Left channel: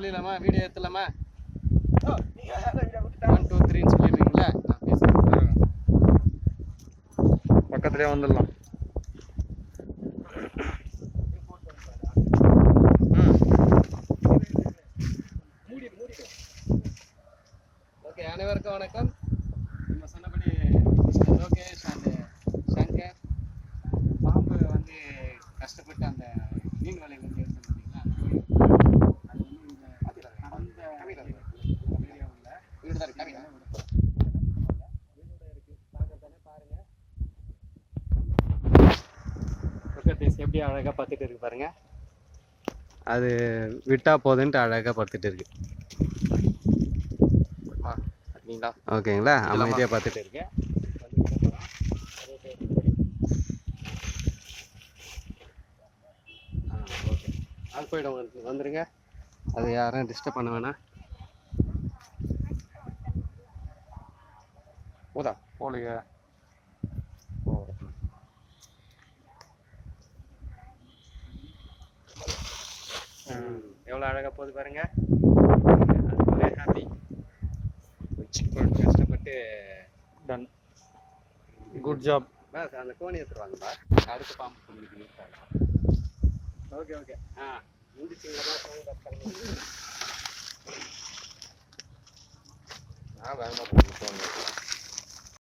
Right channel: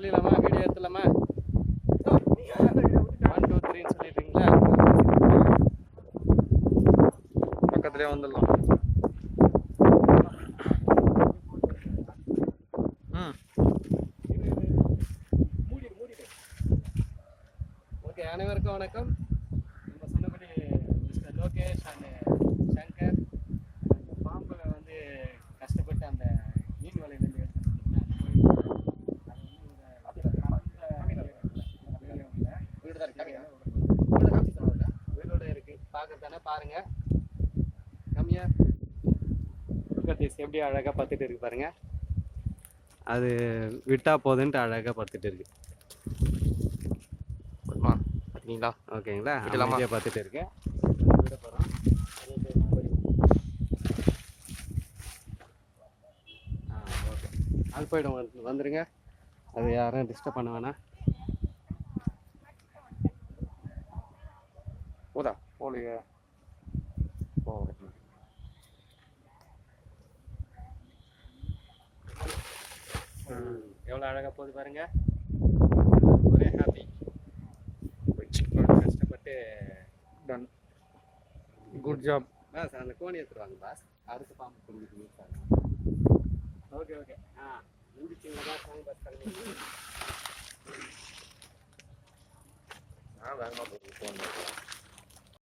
சொல்லிடலாமா? வீடியோ எடுத்துலாமா? 1 2 3ன்னு சொல்லிடுறீங்களா? பக்கத்துலேயே வந்துடலாம். ஓகே, அனைவருக்கும் வணக்கம். நம்ம சொன்னபடி மிஸ்டர் லோகேஷ் அண்ட் சங்கர் பாம்பு வந்து கஷ்டப்பட்டு அந்த மீன் வலையிலேருந்து எடுத்து பார்த்தீங்களா? வீடோட இருக்கு, பார்க்கறதானே பாருங்க. கம்மியா எப்படி அழகாக பார்த்துட்டு இருக்கு பாருங்க. அது விட்டா போதுன்ட்டு அழகாக பார்த்துட்டு இருக்கு. ஓகேங்களா? அமைதியாக பார்த்துட்டு இருக்கேன். ஓகே, அது போய்டும். வந்துடுங்க, அது யாரும் டிஸ்டர்ப் பண்ண வேணாம். போதா போலிங்க. எவ்வளோ அழகாக போகுது பாருங்க. ஒரே ஹாப்பி. கஷ்டப்பட்டு டன். Good job. அந்த கோணி எடுத்துருவாங்கப்பா. அடுத்த பாம்பு சொல்லிட்டு யூஸ் ஆகும். Okay okay. முடிச்சுங்களா? வேகமாக